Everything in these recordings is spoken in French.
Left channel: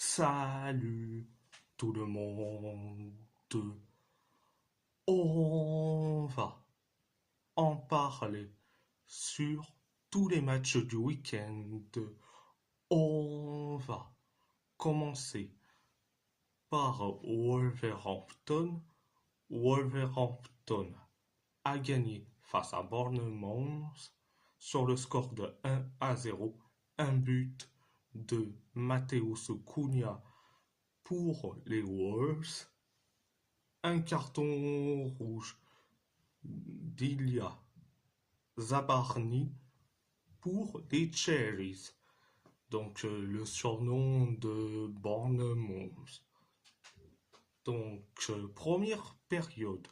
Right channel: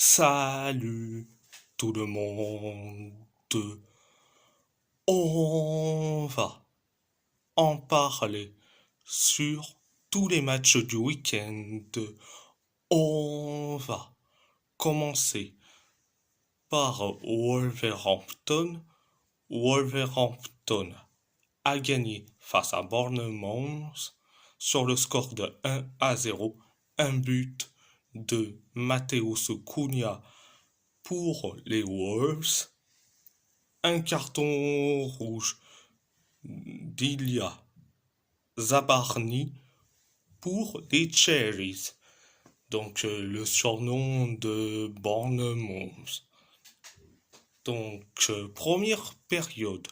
Salut tout le monde. On va en parler sur tous les matchs du week-end. On va commencer par Wolverhampton. Wolverhampton a gagné face à Bournemouth sur le score de 1-0. Un but de Mateus Cunha pour les Wolves, un carton rouge d'Ilya Zabarny pour les Cherries, donc le surnom de Bournemouth. Donc première période,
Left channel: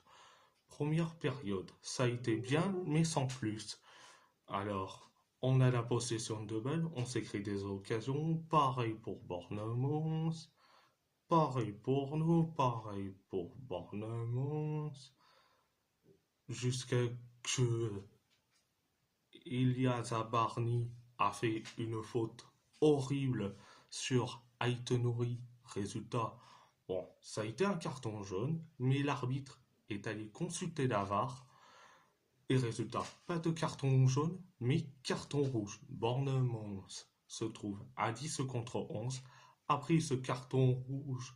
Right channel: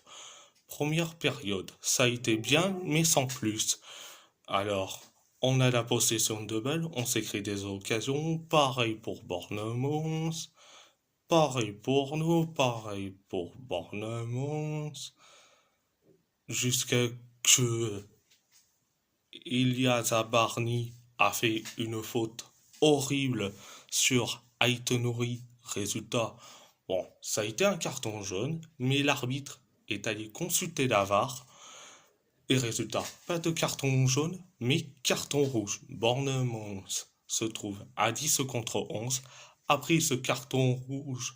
ça a été bien, mais sans plus. Alors, on a la possession de balle, on s'est créé des occasions, pareil pour Bournemouth. Pareil pour nous, pareil pour Bournemouth. Jusqu'à que Ilyas Barney a fait une faute horrible sur Aït-Nouri. Résultat, bon, ça a été un carton jaune, mais l'arbitre est allé consulter la VAR. Et résultat, pas de carton jaune, mais carton rouge. Bournemouth se trouve à 10 contre 11. Après ce carton rouge,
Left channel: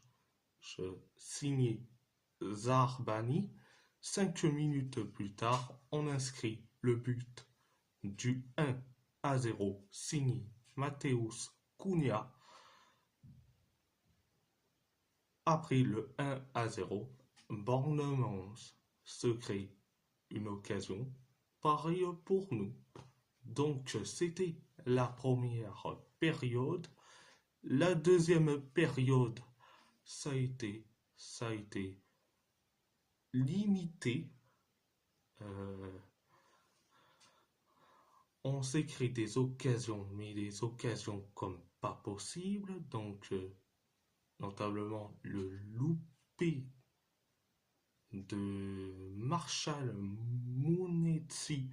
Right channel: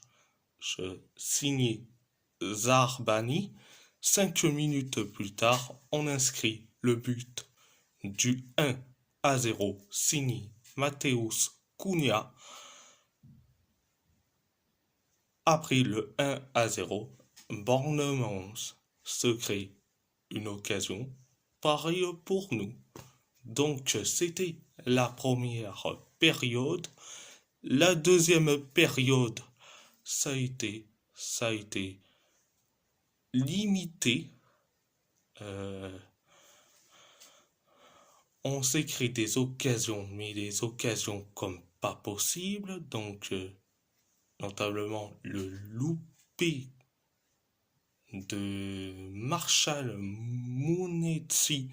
signé Zarbani, 5 minutes plus tard, on inscrit le but du 1-0 signé Mateus Cunha. Après le 1-0, Bournemouth se crée une occasion pareille pour nous. Donc c'était la première période. La deuxième période, ça a été limité. Euh, on s'est créé des occasions, mais des occasions comme pas possible. Donc, notamment le loupé de Marshall Mounetzi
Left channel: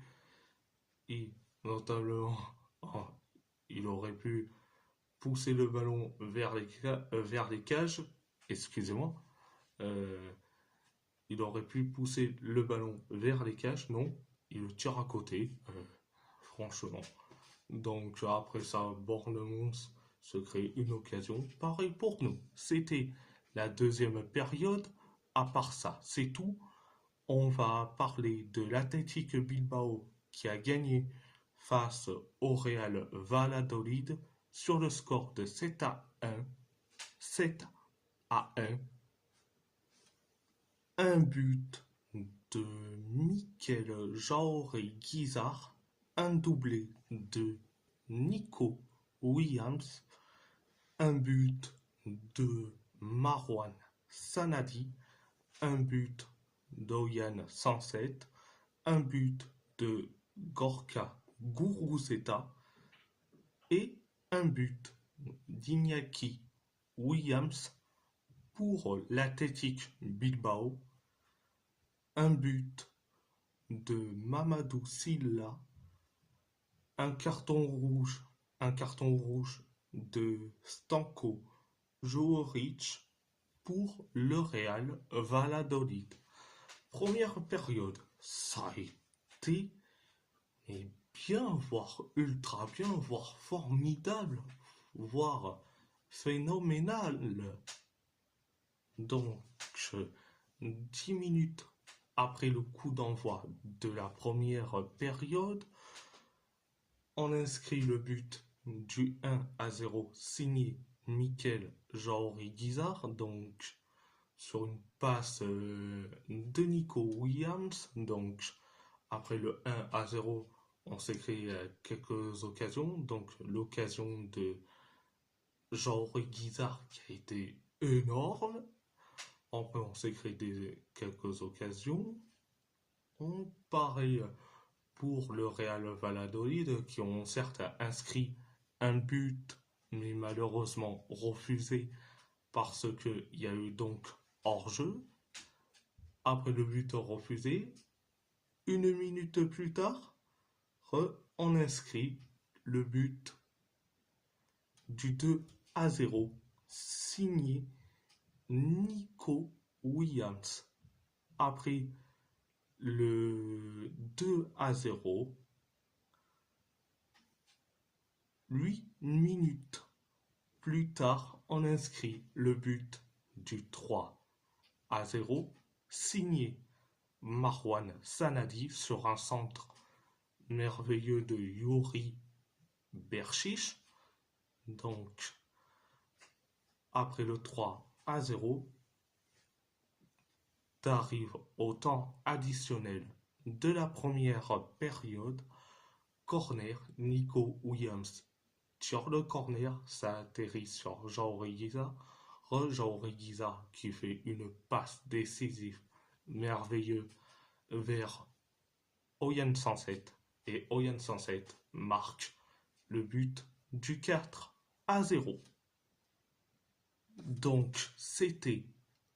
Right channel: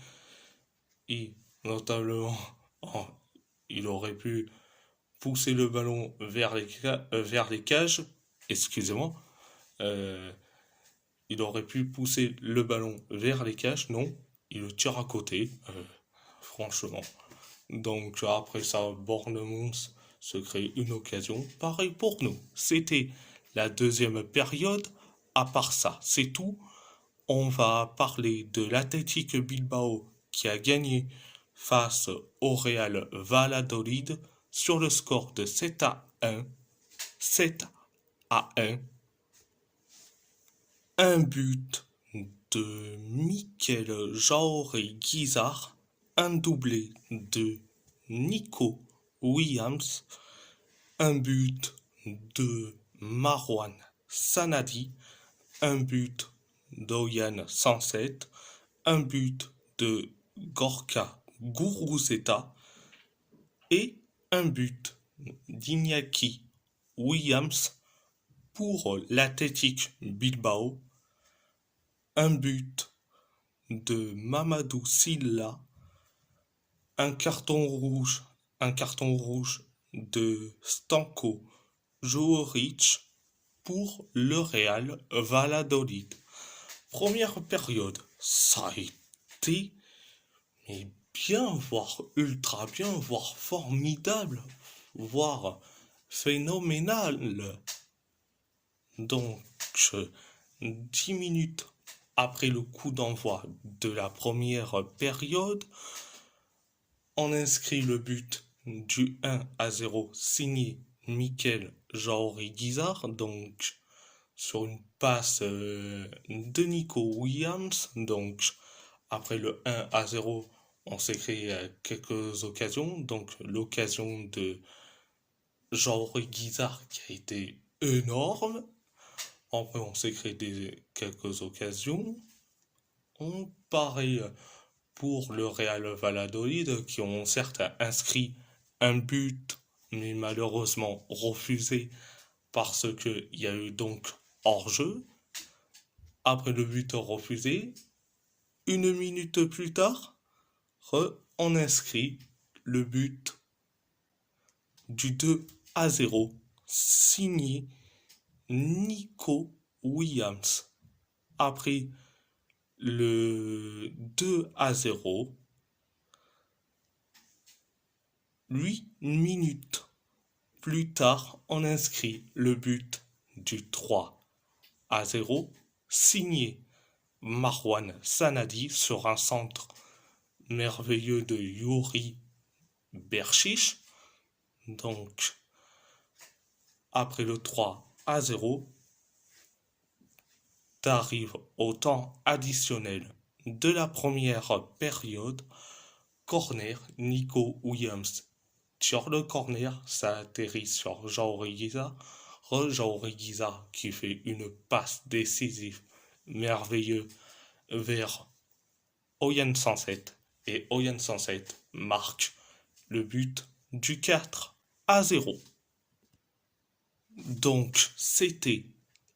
et notamment, oh, il aurait pu pousser le ballon vers les cages. Excusez-moi. Euh, il aurait pu pousser le ballon vers les cages. Non, il le tire à côté. Franchement. Donc après ça, Bournemouth se crée une occasion. Pareil pour nous. C'était la deuxième période. À part ça, c'est tout. On va parler de l'Athletic Bilbao qui a gagné face au Real Valladolid sur le score de 7-1. 7-1. Un but de Mikel Jaoré Guizard, un doublé de Nico Williams, un but de Marwan Sanadi, un but d'Oyan 107, un but de Gorka Guruzeta et un but d'Iñaki Williams pour l'Athletic Bilbao, un but de Mamadou Silla, un carton rouge de Stanko Jooric pour le Real Valladolid. Première période, ça a été mais bien, voire ultra bien, voire formidable, voire phénoménal. Donc, 10 minutes après le coup d'envoi de la première période, on inscrit le but du 1-0 signé Mikel Jaoré Guizard, donc sur une passe de Nico Williams. Donc après le 1-0, on s'est créé quelques occasions. Donc l'occasion de Jaoré Guizard qui a été énorme. Après, on s'est créé quelques occasions. On pareil pour le Real Valladolid qui ont certes inscrit un but, mais malheureusement refusé parce qu'il y a eu donc hors-jeu. Après le but refusé, 1 minute plus tard, on inscrit le but du 2-0 signé Nico Williams. Après le 2-0, 8 minutes plus tard, on inscrit le but du 3-0, signé Marwan Sanadi sur un centre merveilleux de Yuri Berchiche. Donc, après le 3-0, t'arrives au temps additionnel de la première période. Corner, Nico Williams tire le corner, ça atterrit sur Jaureguiza. Jaureguiza qui fait une passe décisive merveilleuse vers Oyen 107. Et Oyen 107 marque le but du 4-0. Donc c'était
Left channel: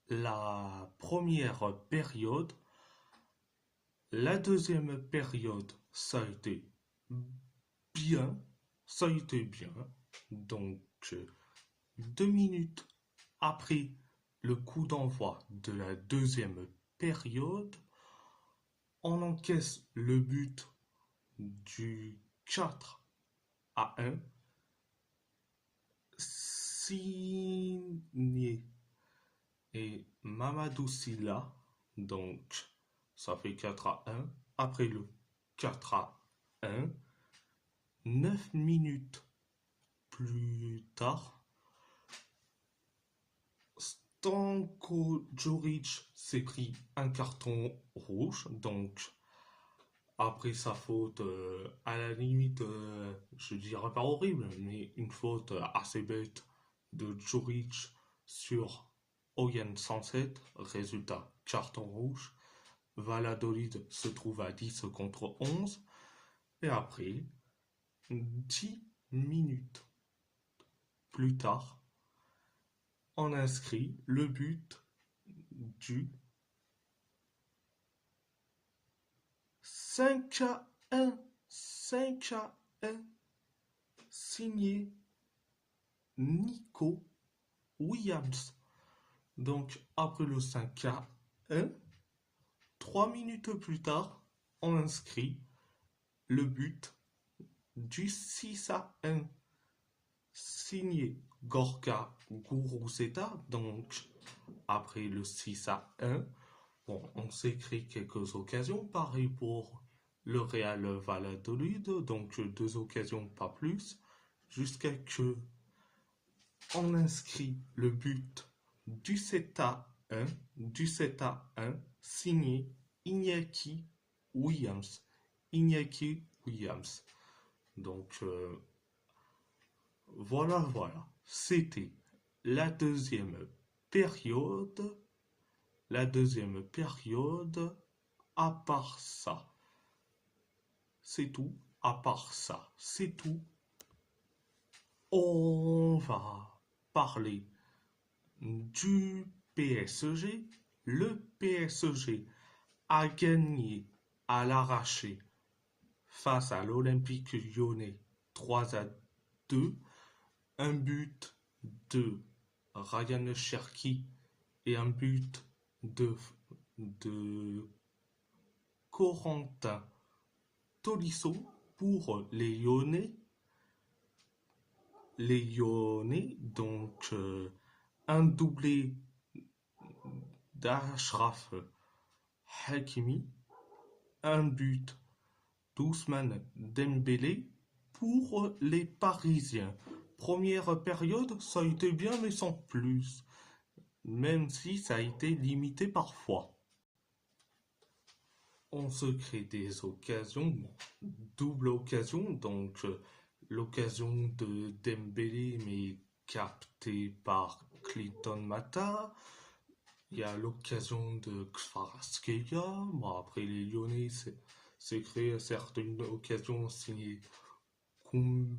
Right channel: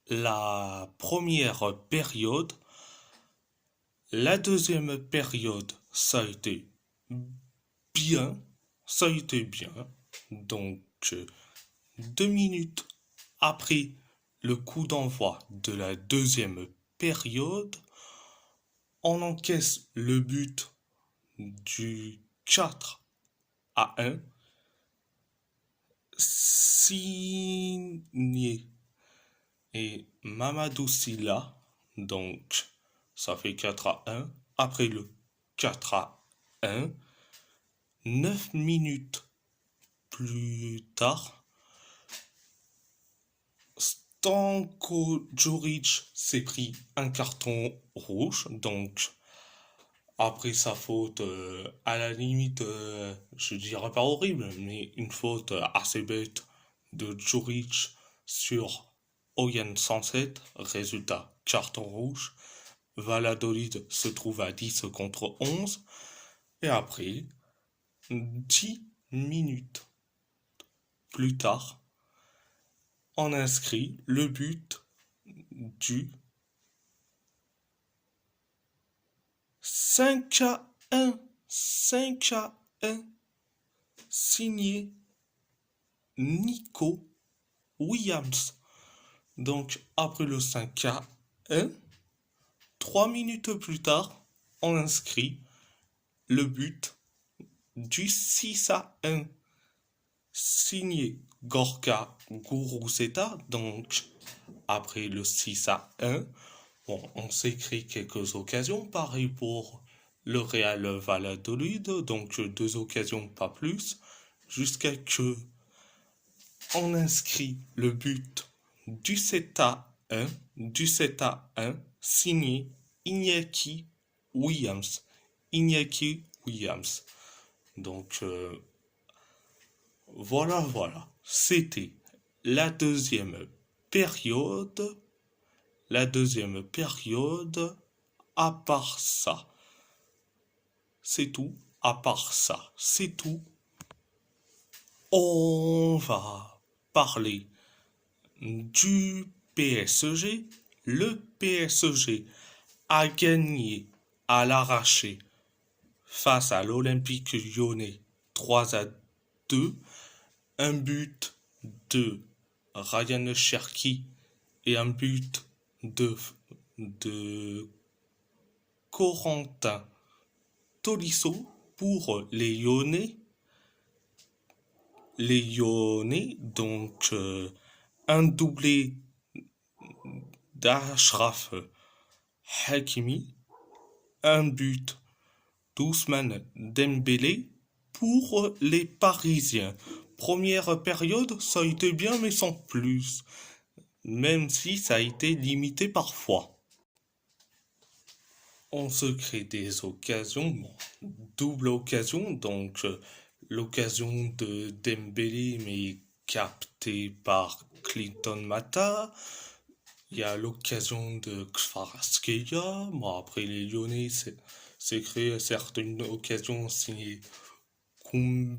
la première période. La deuxième période, ça a été bien. Ça a été bien. Donc 2 minutes après le coup d'envoi de la deuxième période, on encaisse le but du 4-1, signé et Mamadou Silla. Donc ça fait 4-1. Après le 4-1, 9 minutes plus tard, Stanko Djuric s'est pris un carton rouge. Donc après sa faute, à la limite, je dirais pas horrible, mais une faute assez bête de Djuric sur Oyen 107. Résultat, carton rouge. Valladolid se trouve à 10 contre 11. Et après, 10 minutes plus tard, on inscrit le but du 5-1. 5-1. Signé Nico Williams. Donc, après le 5-1, 3 minutes plus tard, on inscrit le but du 6-1, signé Gorka Guruzeta. Donc, après le 6-1, bon, on s'est créé quelques occasions, pareil pour le Real Valladolid, donc 2 occasions, pas plus, jusqu'à que on inscrit le but du 7-1, signé Iñaki Williams. Iñaki Williams. Donc, voilà. C'était la deuxième période. La deuxième période, à part ça, c'est tout. À part ça, c'est tout. On va parler du PSG. Le PSG a gagné à l'arraché face à l'Olympique Lyonnais 3-2. Un but de Ryan Cherki et un but de Corentin Tolisso pour les Lyonnais. Les Lyonnais, donc un doublé d'Ashraf Hakimi, un but d'Ousmane Dembélé pour les Parisiens. Première période, ça a été bien, mais sans plus. Même si ça a été limité parfois. On se crée des occasions, double occasion, donc l'occasion de Dembélé, mais captée par Clinton Mata. Il y a l'occasion de Kvaratskhelia. Bon, après les Lyonnais, c'est créé certes une occasion signée Koumbedi.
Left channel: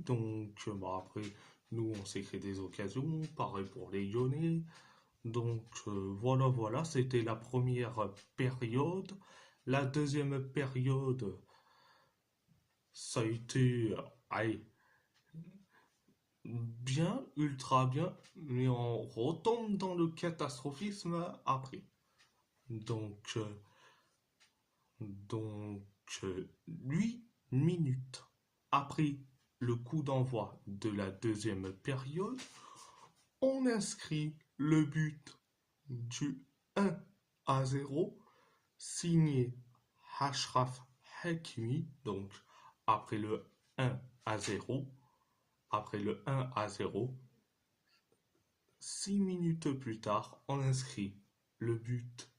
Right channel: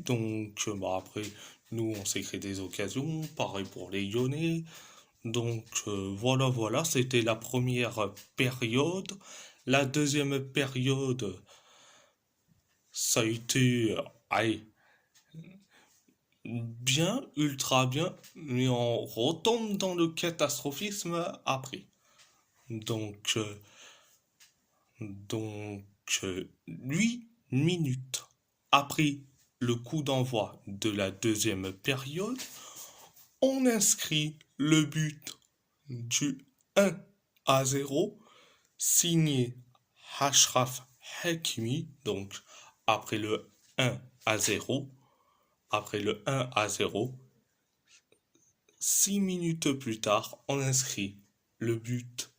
Donc, bon, après, nous, on s'est créé des occasions. Pareil pour les Lyonnais. Donc, voilà, c'était la première période. La deuxième période, ça a été, allez, bien, ultra bien, mais on retombe dans le catastrophisme après. Donc, euh, donc, 8 minutes après le coup d'envoi de la deuxième période, on inscrit le but du 1-0 signé Ashraf Hakimi. Donc, après le 1-0, après le 1-0, 6 minutes plus tard, on inscrit le but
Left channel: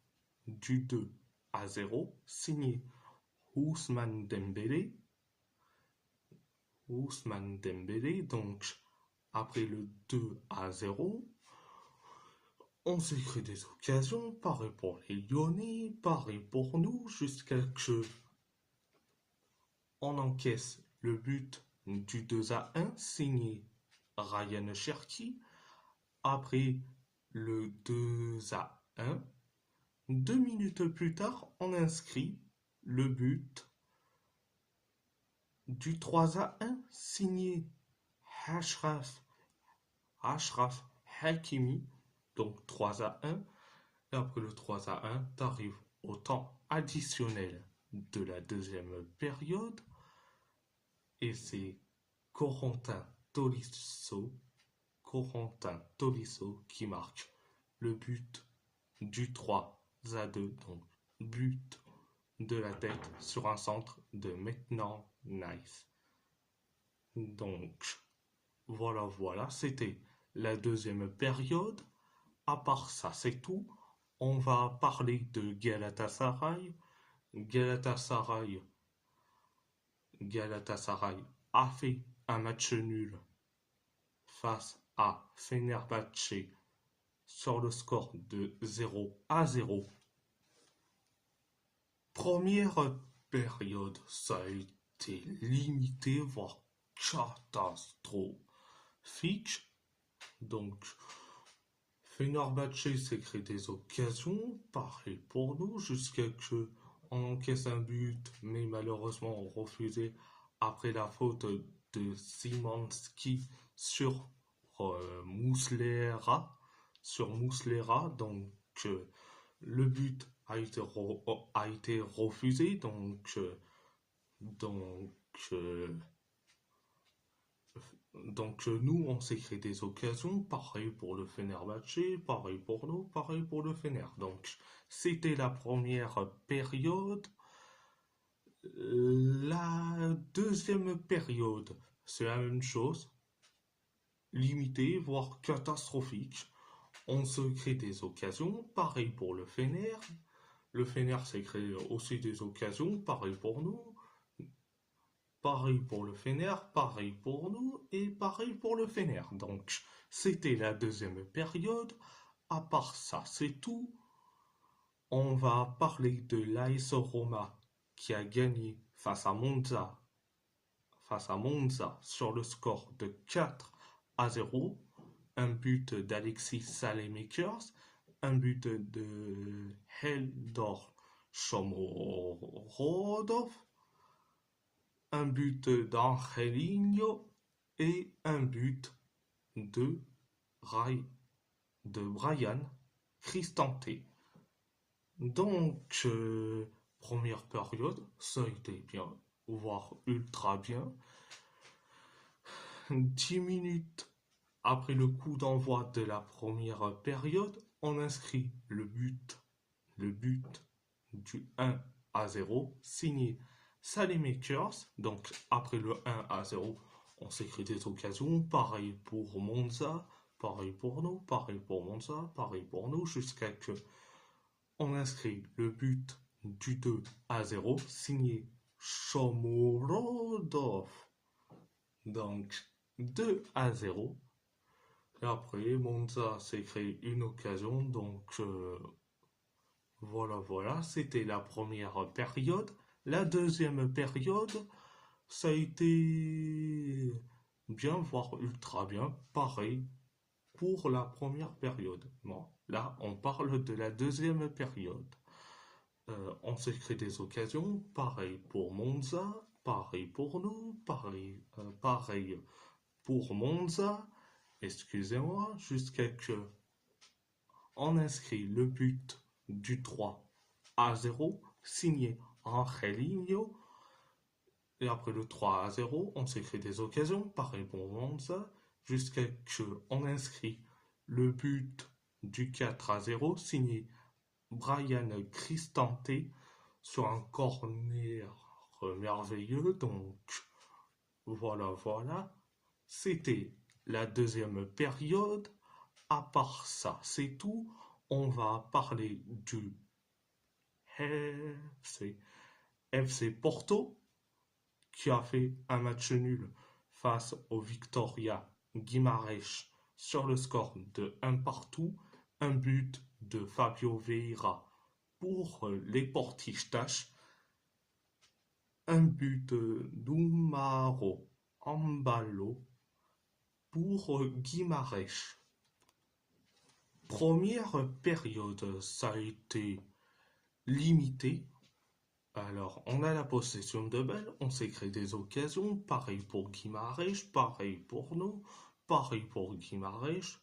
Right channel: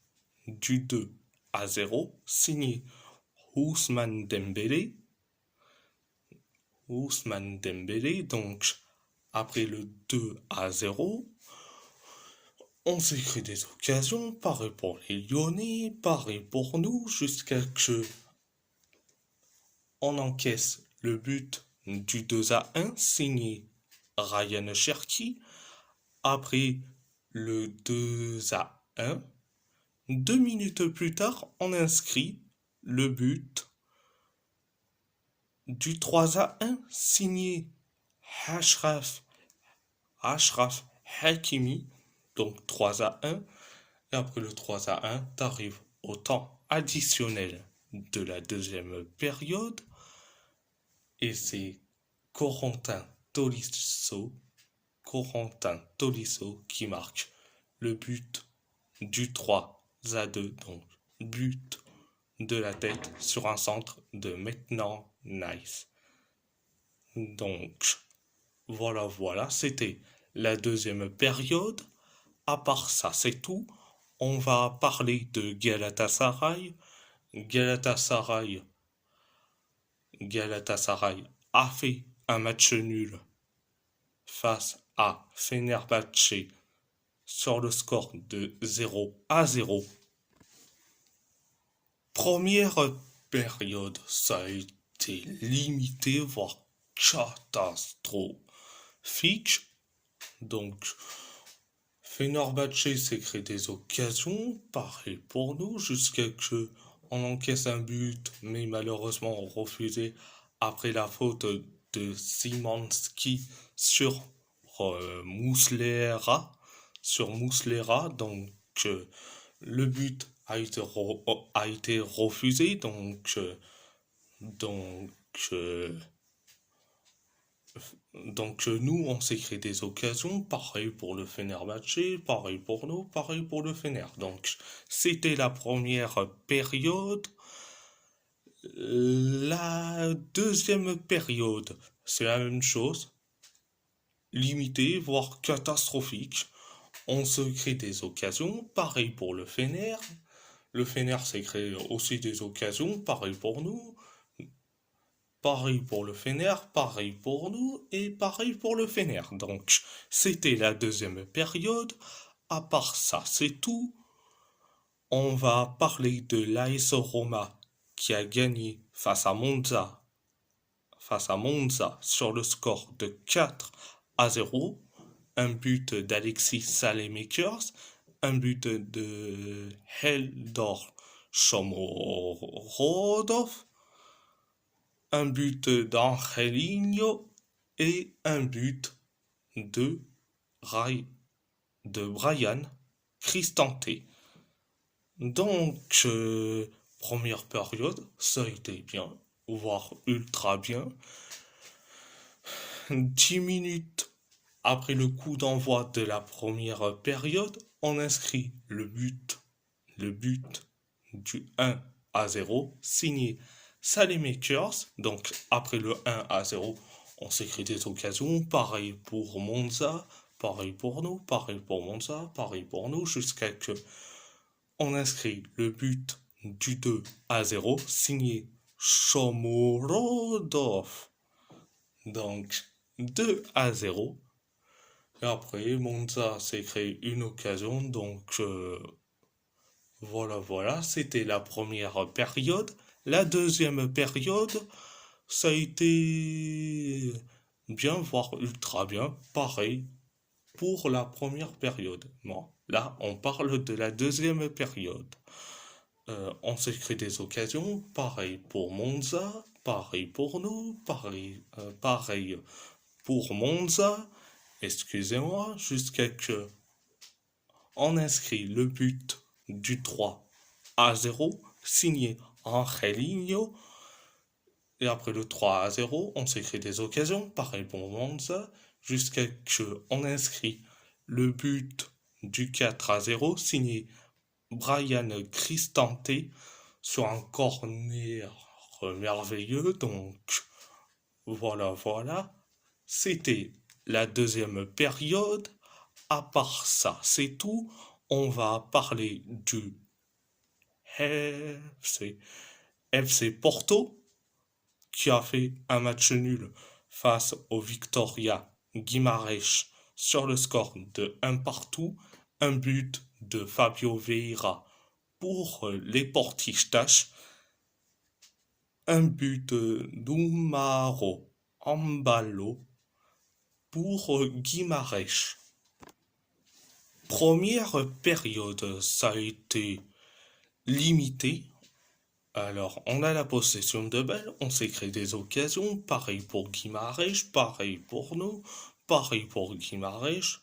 du 2-0 signé Ousmane Dembélé. Ousmane Dembélé, donc après le 2-0, on s'est créé des occasions, pareil pour les Lyonnais, pareil pour nous, jusqu'à ce on encaisse le but du 2-1 signé Ryan Cherki. Après le 2-1, 2 minutes plus tard, on inscrit le but du 3-1 signé Ashraf, Ashraf Hakimi. Donc 3-1. Et après le 3-1, t'arrives au temps additionnel de la deuxième période. Et c'est Corentin Tolisso, Corentin Tolisso qui marque le but du 3-2. Donc but de la tête sur un centre de maintenant Nice. Donc voilà, c'était la deuxième période. À part ça, c'est tout. On va parler de Galatasaray. Galatasaray, Galatasaray a fait un match nul face à Fenerbahçe sur le score de 0-0. Première période, ça a été limité, voire catastrophique. Donc, Fenerbahçe s'est créé des occasions, pareil pour nous, jusqu'à ce qu'on encaisse un but, mais malheureusement refusé après la faute de Szymanski sur Muslera. Sur Muslera, donc le but a été refusé, donc, euh, donc nous, on s'est créé des occasions, pareil pour le Fenerbahçe, pareil pour nous, pareil pour le Fener. Donc c'était la première période. La deuxième période, c'est la même chose, limitée, voire catastrophique. On se crée des occasions, pareil pour le Fener. Le Fener s'est créé aussi des occasions, pareil pour nous. Pareil pour le Fener, pareil pour nous et pareil pour le Fener. Donc, c'était la deuxième période. À part ça, c'est tout. On va parler de l'AS Roma qui a gagné face à Monza sur le score de 4-0. Un but d'Alexis Saelemaekers, un but de Heldor Shomorodov, un but d'Angelino et un but de, de Brian Cristante. Donc, première période, ça a été bien, voire ultra bien. 10 minutes après le coup d'envoi de la première période, on inscrit le but du 1-0 signé Saelemaekers. Donc après le 1-0, on s'écrit des occasions. Pareil pour Monza, pareil pour nous, pareil pour Monza, pareil pour nous, jusqu'à que on inscrit le but du 2-0 signé Shomorodov. Donc 2-0. Et après, Monza s'est créé une occasion. Donc voilà, c'était la première période. La deuxième période, ça a été bien, voire ultra bien. Pareil pour la première période. Bon, là, on parle de la deuxième période. On s'est créé des occasions. Pareil pour Monza, pareil pour nous, pareil pour Monza, excusez-moi, jusqu'à que on inscrit le but du 3-0, signé Angelino. Et après le 3-0, on s'écrit des occasions, pareil pour Monza, jusqu'à que on inscrit le but du 4-0, signé Brian Cristante sur un corner merveilleux. Donc voilà. C'était la deuxième période. À part ça, c'est tout. On va parler du FC, FC Porto qui a fait un match nul face au Victoria Guimarães sur le score de 1-1, un but de Fabio Vieira pour les Portistas, un but d'Umaro Ambalo pour Guimarães. Première période, ça a été limité. Alors, on a la possession de balle, on s'est créé des occasions, pareil pour Guimarães, pareil pour nous, pareil pour Guimarães.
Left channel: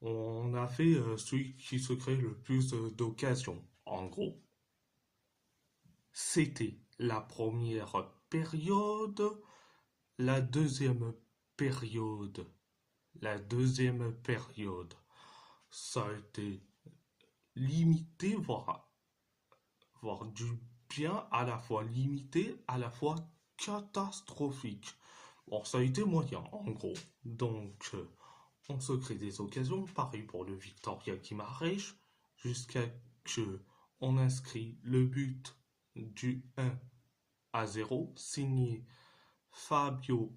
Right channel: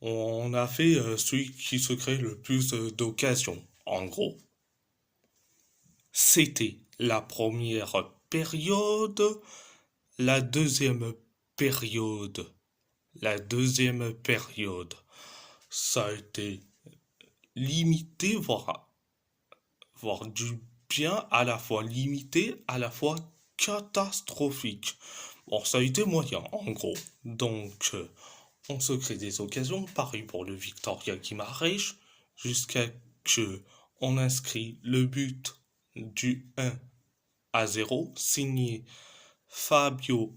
On a fait celui qui se crée le plus d'occasions, en gros. C'était la première période. La deuxième période, ça a été limité, voire du bien, à la fois limité, à la fois catastrophique. Bon, ça a été moyen, en gros. Donc, on se crée des occasions, pareil pour le Victoria Guimarães, jusqu'à que on inscrit le but du 1-0, signé Fabio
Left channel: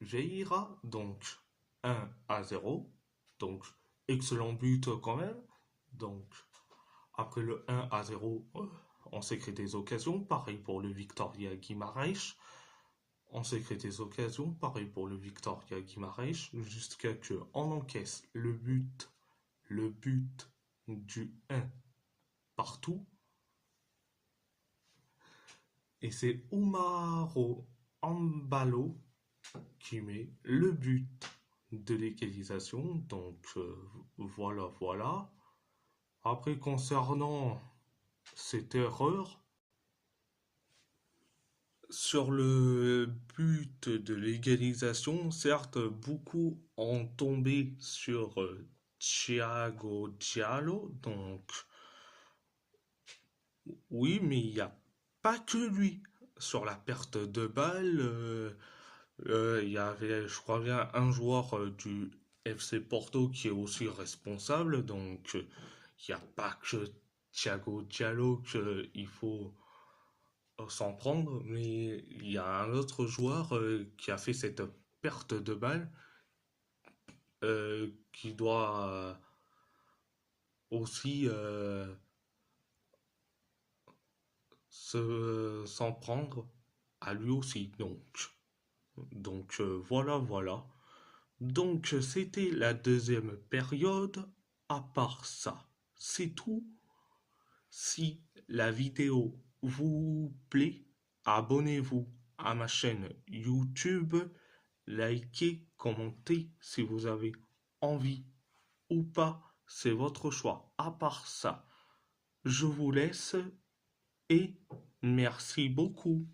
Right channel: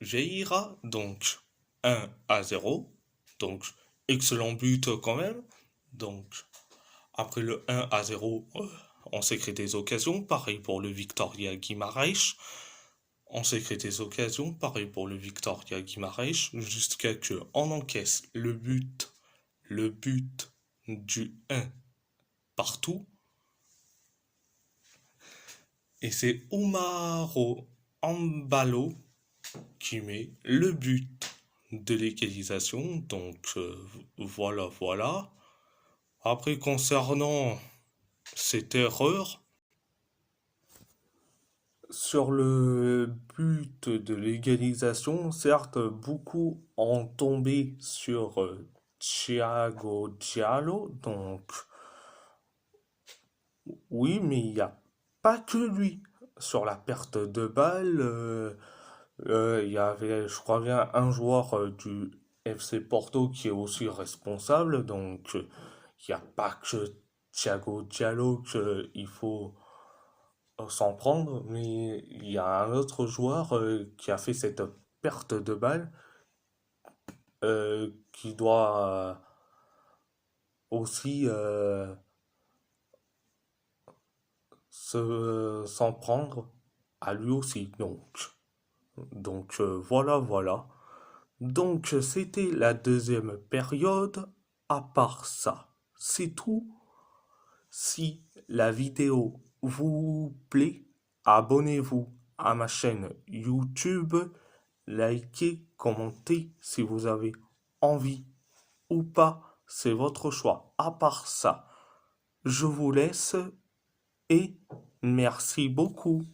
Vieira, donc 1-0, donc excellent but quand même. Donc, après le 1-0, on s'est créé des occasions, pareil pour le Victoria Guimarães. On s'est créé des occasions, pareil pour le Victoria Guimarães, jusqu'à que on encaisse le but du 1 partout. Et c'est Umaro Ambalo qui met le but de l'égalisation. Donc voilà. Après, concernant cette erreur, sur le but de l'égalisation, certes, beaucoup ont tombé sur Thiago Diallo. Donc, oui, mais il n'y a pas que lui. Sur la perte de balle, il y avait, je crois bien, un joueur du FC Porto qui est aussi responsable. Donc, il n'y a pas que Thiago Diallo qu'il faut s'en prendre, mais il y a un autre joueur qui a fait cette perte de balle qui doit aussi s'en prendre à lui aussi. Donc voilà. Donc c'était la deuxième période. À part ça, c'est tout. Si la vidéo vous plaît, abonnez-vous à ma chaîne YouTube, likez, commentez si vous avez envie ou pas, c'est votre choix. À part ça, je vous laisse et merci beaucoup.